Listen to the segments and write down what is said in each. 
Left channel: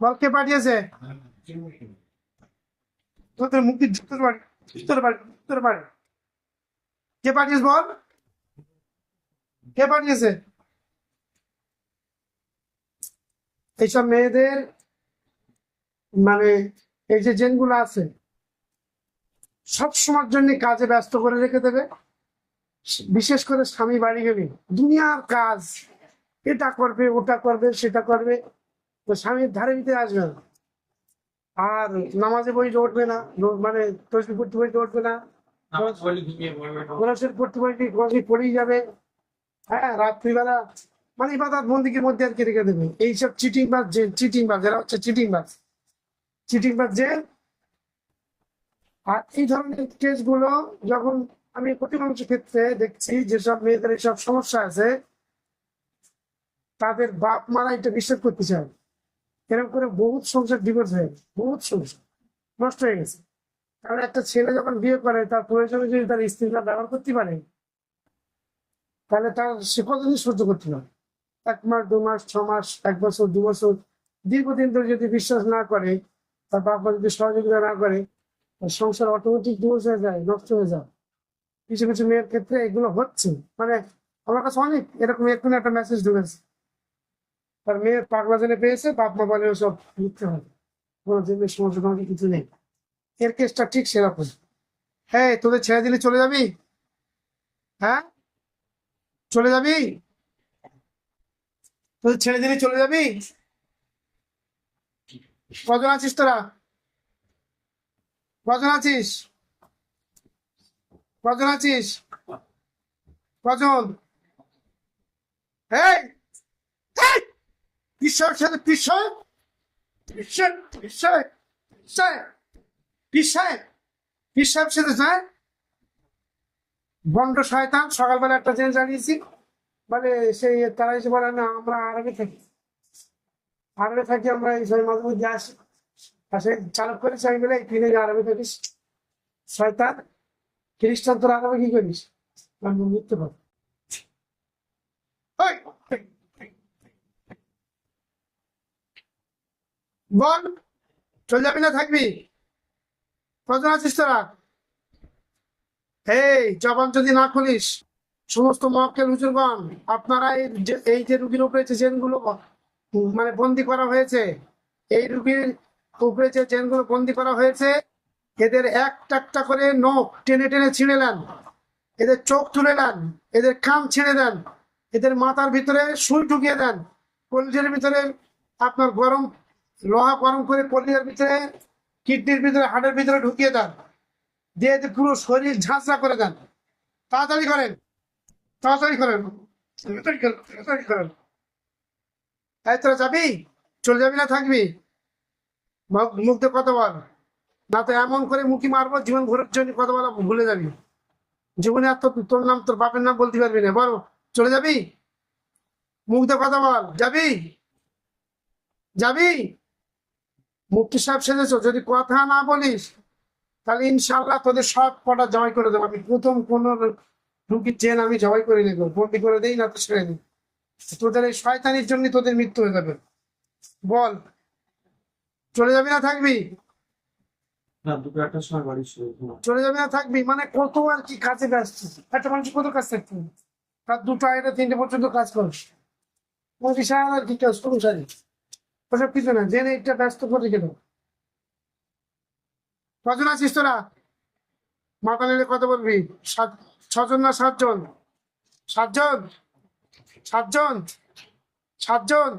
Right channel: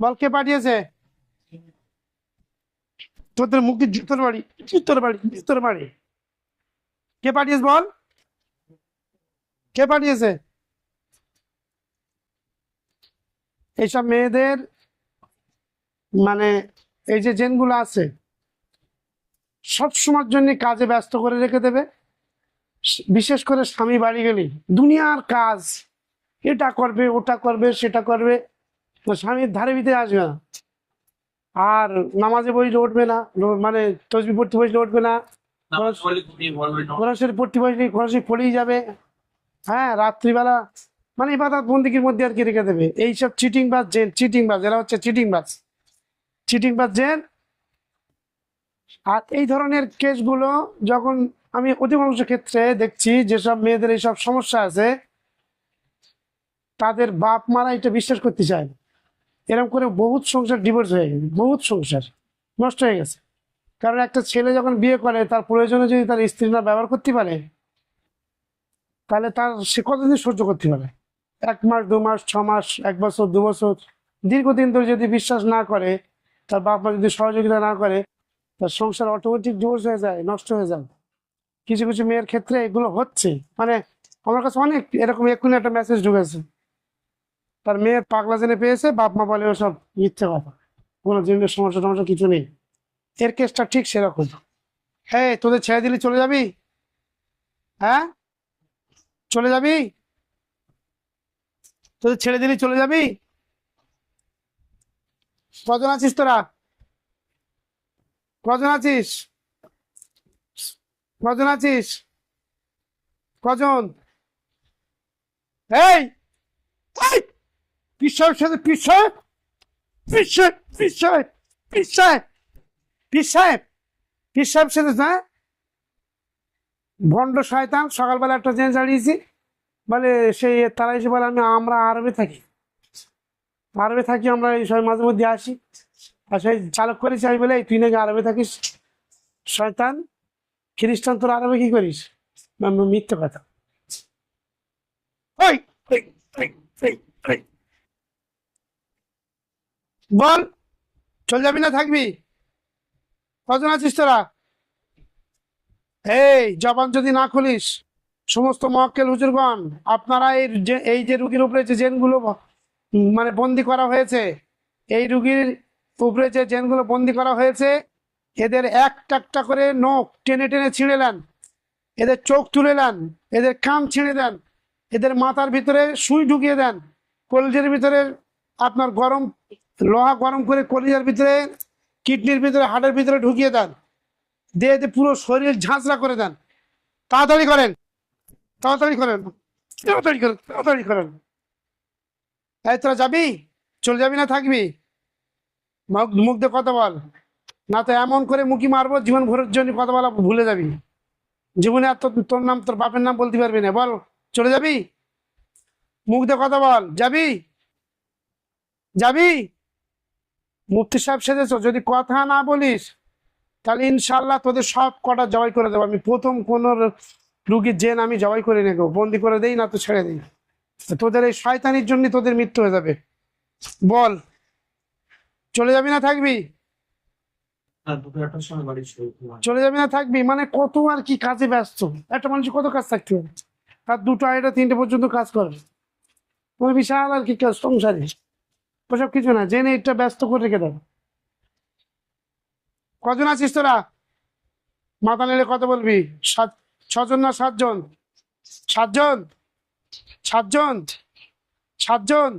বল কে পাঠিয়েছে? তোদের মুক্তি জুতোর বাড়ি, জুতোর বাড়ি, জুতোর বাড়ি। কে পাঠিয়েছে বল? কে পাঠিয়েছে? এইসব মেয়েদের মানে এই যে জেনগুলো আছে সব সময়ের জন্য কাজে ব্যস্ত করে রেখে দেবে। বিশেষ করে স্বামী বাড়ি গেলে দুনিয়ার কাজ, এটা করবে ওটা করবে সেটা করবে, তো স্বামীর ধারে ভিতরে আসবে না। আর নামাজে বসলে উঠবে না, মানে তসবি পড়তে বসলে উঠবে না, কোরআন শরীফ পড়তে বসলে কোরআন শরীফ পড়েই যাবে। হ্যাঁ, রাত্রিবেলা মানে ইবাদত বন্দিগির মধ্যে আর কি রেখে দেবে। এইসব চিটিং বাজ জেন, চিটিং বাজ, এরা হচ্ছে চিটিং বাজ, চিটিং বাজ জেন। আর এই ধরনের কেসগুলো যখন আমি অধিকাংশ ক্ষেত্রে দেখছি, যেসব মেয়েদের এইসব সমস্যা আছে তাদের বাপ মারা এটা বিশ্বাস করতে চায় না। এরকম করে বহুত সংসার ডিভোর্স হয়ে গেছে, বহুত সংসার নষ্ট হয়ে গেছে। কারণ একটা ছেলে যখন বিয়ে করে তার প্রয়োজনে যদি তার স্ত্রী না ব্যবহার করতে পারে, তাহলে তার সে কতদিন সহ্য করতে পারে? 1 মাস, 2 মাস, 6 মাস, 1 বছর, 2 বছর, দীর্ঘদিন ধরে যদি বিশ্বাস না করে, তার বাপ মা যদি সহযোগিতা না করে, তার সংসার অটোমেটিক ডিভোর্স হয়ে যায়, নষ্ট হয়ে যায়। কিছু কিছু মেয়ের ক্ষেত্রে এগুলো হচ্ছে। মানে আমার কাছে অনেক এরকম এক্ষুনি একটা মেসেজ ঢুকেছে, তার মেয়ের পাগলা জেনে পেয়েছে, বাপ মা বলে ওসব মিথ্যে কথা, কোনো জেনের সমস্যা টমস্যা কিছু নেই। এর কেসটা ঠিক সেরকম। হ্যাঁ, তোদের ছেড়ে দিলে চলে যাবি? হ্যাঁ, চলে যাবি? তোদের ছেড়ে দিলে চলে যাবি? কজন আছিস তোরা? কজন আছিস? কজন আছিস? কজন? এই এই পিসার সাথে পিসার, পিসার, পিসার, পিসার, পিসার, পিসার সাথে যায় ভণ্ড শয়তান। সকালবেলা একটা জেন্স হারিয়েছি, মানে সেই তারা এসে বলে আমরা আরবে থাকি, আরবে থাকি আমরা, এই সময় মাঝে মধ্যে আসি। আর সেই চালক করেছি আমি বলে, তুই নাকি আরবে থাকিস শয়তান, খ্রিস্টান, তোর আরবে কি করিস? মিথ্যে কথা। ওই ওই, ওই, ওই, ওই। বল, চলে যাবি না থাকবি? কজন আছিস তোরা? এই জবান যদি না খুলিস, সমস্ত মক্কেল হুজুরগণ, আপনারা এই যে রুগীর উপরে যে জেনগুলো মানে বন্দি করা হয়েছে, এই রুগীর উপরে যে জেনগুলো বন্দি করা হয়েছে, এদের একটা একটা করে নখ টেনে টেনে ছিঁড়ে নেন, এদের চোখ তুলে নেন, এদের কান ছিঁড়ে দেন, এদের মাথার ভিতরে সুই ঢুকিয়ে দেন, কলিজার ভিতরে আপনার গরম লোহা গরম করে কলিজার ভিতরে, কিডনির ভিতরে, হার্টের ভিতরে ঢুকিয়ে দেন, দিয়ে পুরো শরীর ঝাঁঝরা করে দেন। তাড়াতাড়ি করেন, তাড়াতাড়ি করেন, তাড়াতাড়ি করেন, তাড়াতাড়ি করেন। এই তোরা যাবি? চলে যাবি না থাকবি? মুখ দিয়ে কথা বল, না তো এমন করে মুখি মারবো জীবন ভরের জন্য কথা বলা ভুলে যাবি। জীবনে আর তোর নাম, তোর বাপের নাম বলতে পারবি না। বল, চলে যাবি? মুখ দিয়ে কথা বল, যাবি? যাবি? মুফতি সাহেব সেজেছ, যদি কথা না বলিস তাহলে ইনশাল্লাহ তোদের সব কটা জয় করে দেবো। আমি প্রথম কোন রুগীর জেন আমি জয় করে নেবো, বন্দি করে দেই না তো ছেড়ে দিই। তোদের এই শয়তানির জন্য তোদের মৃত্যু হয়ে যাবে। বল, চলে যাবি না থাকবি? চলে যাবি না থাকবি? মানে কত আর কি কাজে ব্যস্ত একটা মানুষ, কত কাজ থাকতে হবে? আর 2টা 2:30 3টে পর্যন্ত কাজ করবে, তোমার বিশাল আর কি কাজ সংসারে। ওসব কিছু না, জেনে এটা ব্যস্ত করে রেখে দেবে। কজন আছিস তোরা? মাথা নেড়ে কথা বলবি। 6জন না 7জন? 7জন, 7জন, 7জন।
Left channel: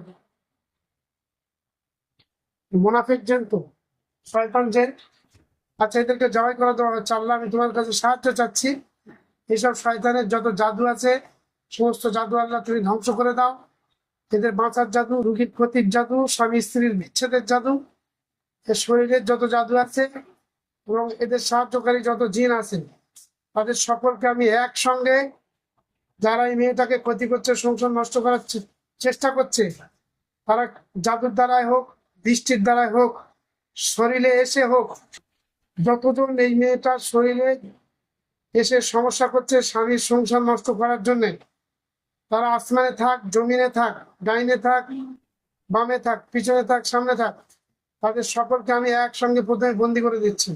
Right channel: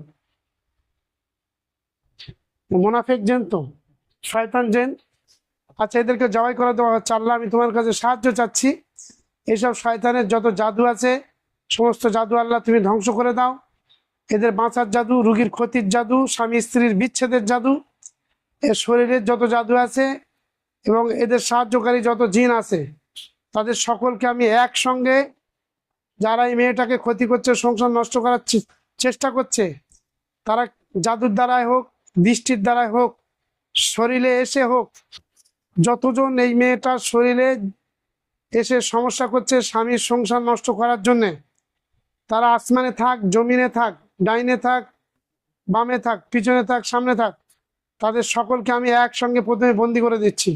মোনাফেক জেন তো, শয়তান জেন। আচ্ছা, এদেরকে জবাই করে দেওয়া হচ্ছে। আল্লাহ, আমি তোমার কাছে সাহায্য চাচ্ছি, এইসব শয়তানের যত জাদু আছে সমস্ত জাদু আল্লাহ তুমি ধ্বংস করে দাও। এদের বাঁচার জাদু, রুগীর ক্ষতির জাদু, স্বামী স্ত্রীর বিচ্ছেদের জাদু, এর শরীরের যত জাদু আছে এবং এদের সাহায্যকারী যত জিন আছে, তাদের সকলকে আমি একসঙ্গে, যারা এই মেয়েটাকে ক্ষতি করছে, সংসার নষ্ট করার চেষ্টা করছে, তারা জাদুর দ্বারাই হোক, বৃষ্টির দ্বারাই হোক, শরীরে এসে হোক, যতজন এই মেয়েটার শরীরে এসে সমস্যা করছে স্বামীর সংসার নষ্ট করার জন্যে, তারা আসমানে থাক, জমিনে থাক, ডাইনে থাক, বামে থাক, পিছনে থাক, সামনে থাক, তাদের সকলকে আমি একসঙ্গে প্রথমে বন্দি করে দিচ্ছি।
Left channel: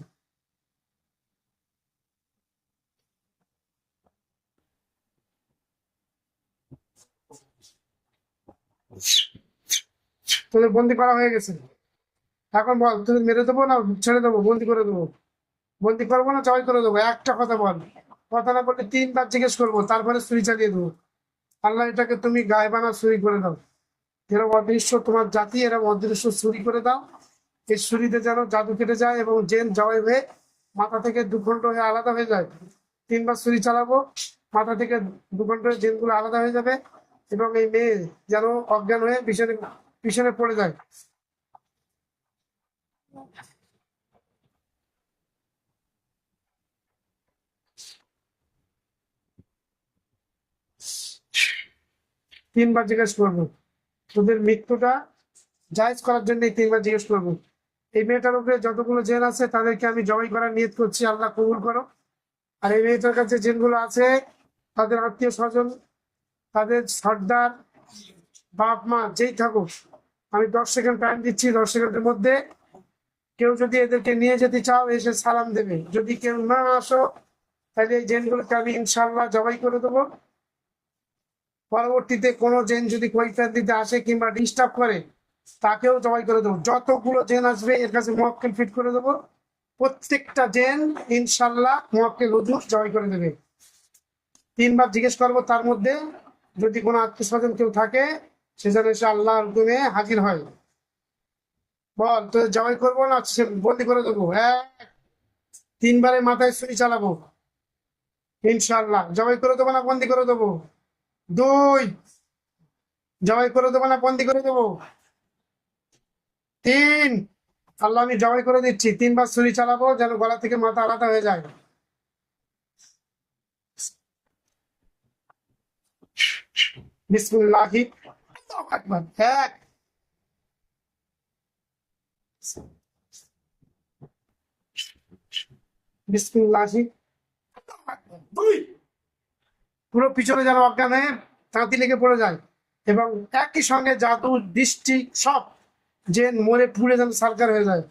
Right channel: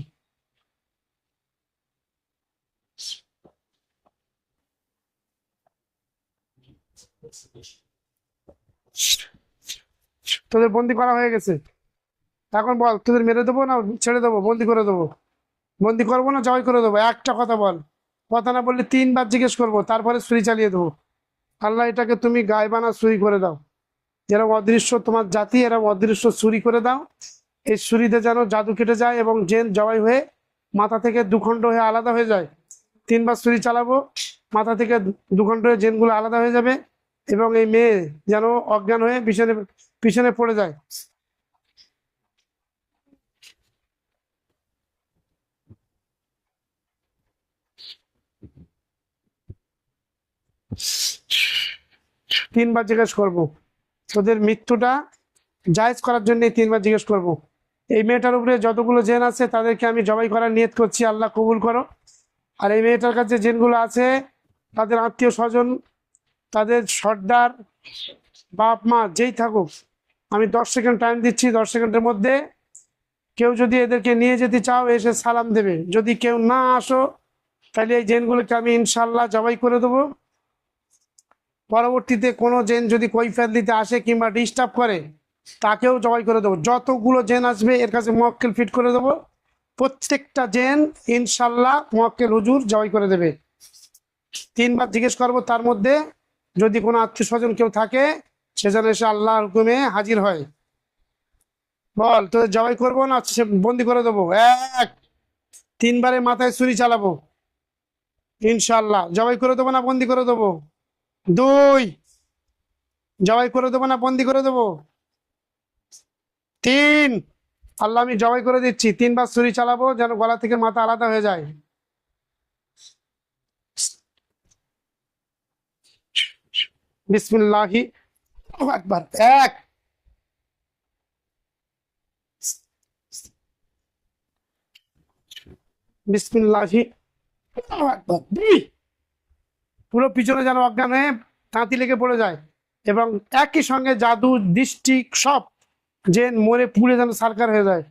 তোদের বন্দি করা হয়ে গেছে। এখন বল, তোদের মেরে দেবো না ছেড়ে দেবো? বন্দি করে দেবো? বন্দি করবো না জবাই করে দেবো? একটা কথা বল। কথা না বললে 3 বার জিজ্ঞেস করবো, তারপরে ছুরি চালিয়ে দেবো। আল্লাহ এটাকে তুমি গায়বানা ছুরি করে দাও। এরকম অদৃশ্য তোমার জাতি, এরকম অদৃশ্য ছুরি করে দাও। এই ছুরিতে যেন জাদু কেটে যায় এবং জেন জবাই হয়ে মাথা থেকে দুখণ্ড হয়ে আলাদা হয়ে যায়। 3 বার ছুরি চালাবো, মাথা থেকে দুখণ্ড হয়ে জেনগুলো আলাদা হয়ে যাবে এবং এই মেয়ে যেন অজ্ঞান হয়ে পিছনে পিছনে পড়ে যায়। তিনবার জিজ্ঞেস করবো, তোদের মৃত্যুটা জায়েজ করার জন্য 3 বার জিজ্ঞেস করবো। এই মেয়েটার উপরে যতগুলো জেন আছে তাদেরকে আমি জবাই করার নিয়ত করছি, আল্লাহ কবুল করো। আর এই মেয়েটার কাছে জেনগুলো আছে, তাদের আত্মীয় স্বজন, তাদের সর্দার, বাপ মা যেই থাকুক, আমি 10 সেকেন্ড টাইম দিচ্ছি। 10 সেকেন্ডের মধ্যে কেউ যদি এদেরকে নিয়ে যেতে চাও এসে সালাম দেবে। যদি কেউ না আসো তাহলে এই জেনগুলোকে আমি ইনশাল্লাহ জবাই করে দেবো। পরবর্তীতে কোনো জেন যদি কৈফিয়ত দিতে আসে কিংবা ডিস্টার্ব করে তাকেও জবাই করে দেবো। যতগুলো জেন আসবে এর কাছে মুয়াক্কেল ফিট করে দেবো। প্রত্যেকটা জেন ইনশাল্লাহ মুয়াক্কেল হুজুর জবাই করে দেবে। 3 বার জিজ্ঞেস করবো, তার মধ্যে যদি কোনো আত্মীয় স্বজন কেউ থাকে সে যেন এসে আল্লাহর হুকুমে হাজির হয়। বল, তোদের জবাই করবো না সে বন্দি করে দেবো? 1, 3 বারে মাথায় ছুরি চালাবো ইনশাল্লাহ। জবাই করে দেবো না বন্দি করে দেবো? 2, জবাই করে দেবো না বন্দি করে দেবো? 3, আল্লাহ আমি জবাই করে দিচ্ছি। 3 বার ছুরি চালাবো যেন গলা থেকে মাথা আলাদা হয়ে যায়। বিসমিল্লাহি আল্লাহু আকবার। 1, বিসমিল্লাহি আল্লাহু আকবার। 2, পুরো পিছনে যেন অজ্ঞান হয়ে তাঁতি লেগে পড়ে যায় এবং একই সঙ্গে জাদু দৃষ্টি সব জেন মরে পুড়ে যেন সারকার হয়ে যায়।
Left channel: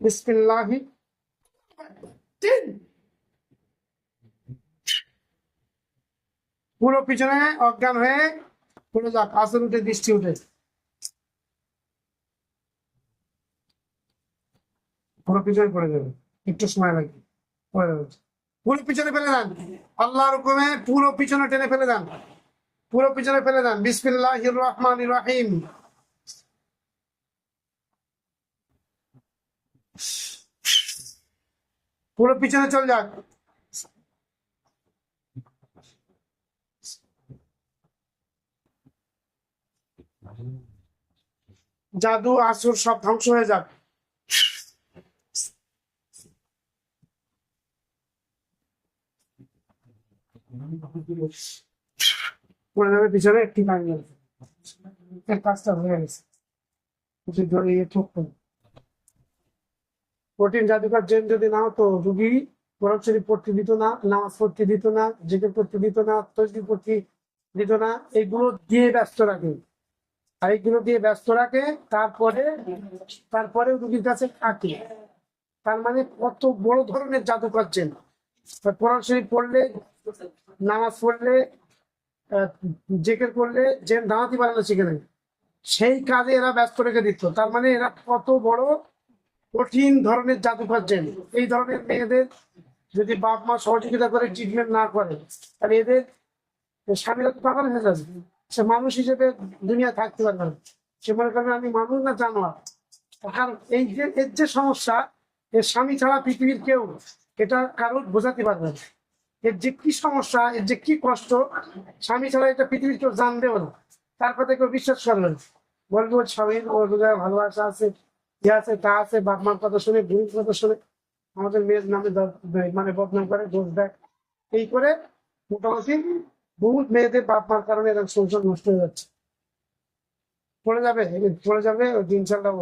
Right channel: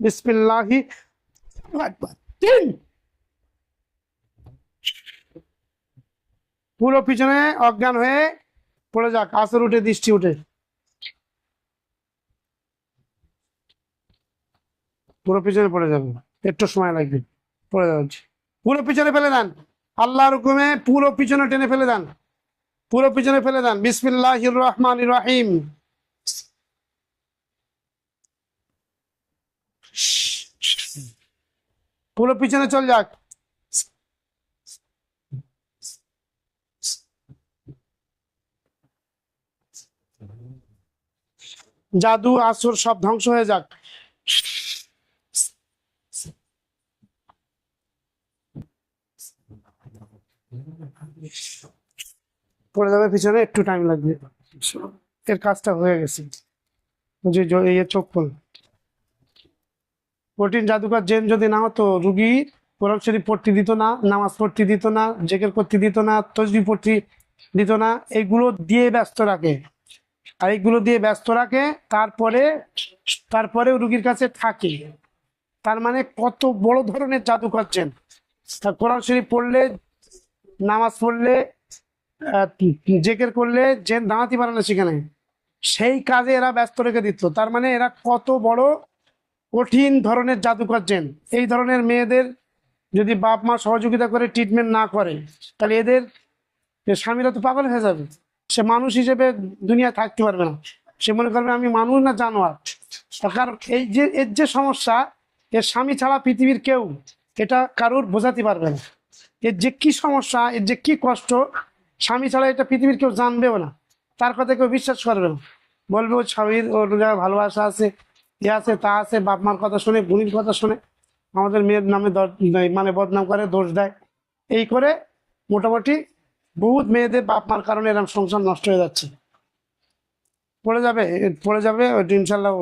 বিসমিল্লাহি আল্লাহু আকবার। 3, পুরো পিছনে অজ্ঞান হয়ে পড়ে যাক, আসর উঠে দৃষ্টি উঠে। পুরো পিছনে পড়ে যাবে, একটু সময় লাগবে, পড়ে যাচ্ছে। পুরো পিছনে ফেলে দেন, আল্লাহর হুকুমে পুরো পিছনে টেনে ফেলে দেন, পুরো পিছনে ফেলে দেন। বিসমিল্লাহির রহমানির রহিম। পুরো পিছনে চল যাক। জাদু আসর সব ধ্বংস হয়ে যাক। পড়ে যাবে পিছনে, একটু টাইম লাগবে। এর কাজটা হয়ে গেছে। বুঝি এই চোখ খোল। কঠিন জাদুকর জেন যদি না হতো, রুগী কোরআন শরীফ পড়তে দিত না, নামাজ পড়তে দিত না, জেকের করতে দিত না, তসবিহ পড়তে দিত না। এগুলো দিয়ে ব্যস্ত রাখে, আর এইগুলো দিয়ে ব্যস্ত রাখে, তারপরেও রুগীর কাছে থাকে। তার মানে কত বড় ধরনের জাদু করছেন। কোরআন শরীফ পড়লে, নামাজ পড়লে, জেকের করলে জেন দাঁড়াতে পারে না সেখানে, সেই কাজে এরা ব্যস্ত রেখে দিত। তার মানে এরা কত বড় কঠিন ধরনের জাদু করছেন। এই ধরনের মেয়েদের যদি বাপ মা সহযোগিতা করে ট্রিটমেন্ট না করে তাহলে এদের স্বামীরা তো পাগল হয়ে যাবে। সে মানুষ হিসেবে দুনিয়া থাকতে পারবে না, সে মনে করবে আমি মানুষ না জানোয়ার। কারণ এই যে এর যে সমস্যা, এর স্বামী ছাড়া পৃথিবীর কেউ এটা কারোর বোঝাতে পারবে না। এর যে কি সমস্যা, এর যে কি কষ্ট, স্বামী ছাড়া এটা পৃথিবীর কেউ জানবেও না, তার কথা কেউ বিশ্বাস করবে না। বলবে ওর স্বামীর অন্য জায়গায় ভালোবাসা আছে, এ আছে তা আছে, বাপ মার কথা শুনে, বুড়ির কথা শুনে আমাদের মেয়ের নামে মানে বদনাম করে, দোষ দেয়। এই করে মোটামুটি বহুত মেয়েদের বাপ মার কারণে এরকম সংসার নষ্ট হয়ে যাচ্ছে। পড়ে যাবে, পড়ে যাবে, ইনশাল্লাহ।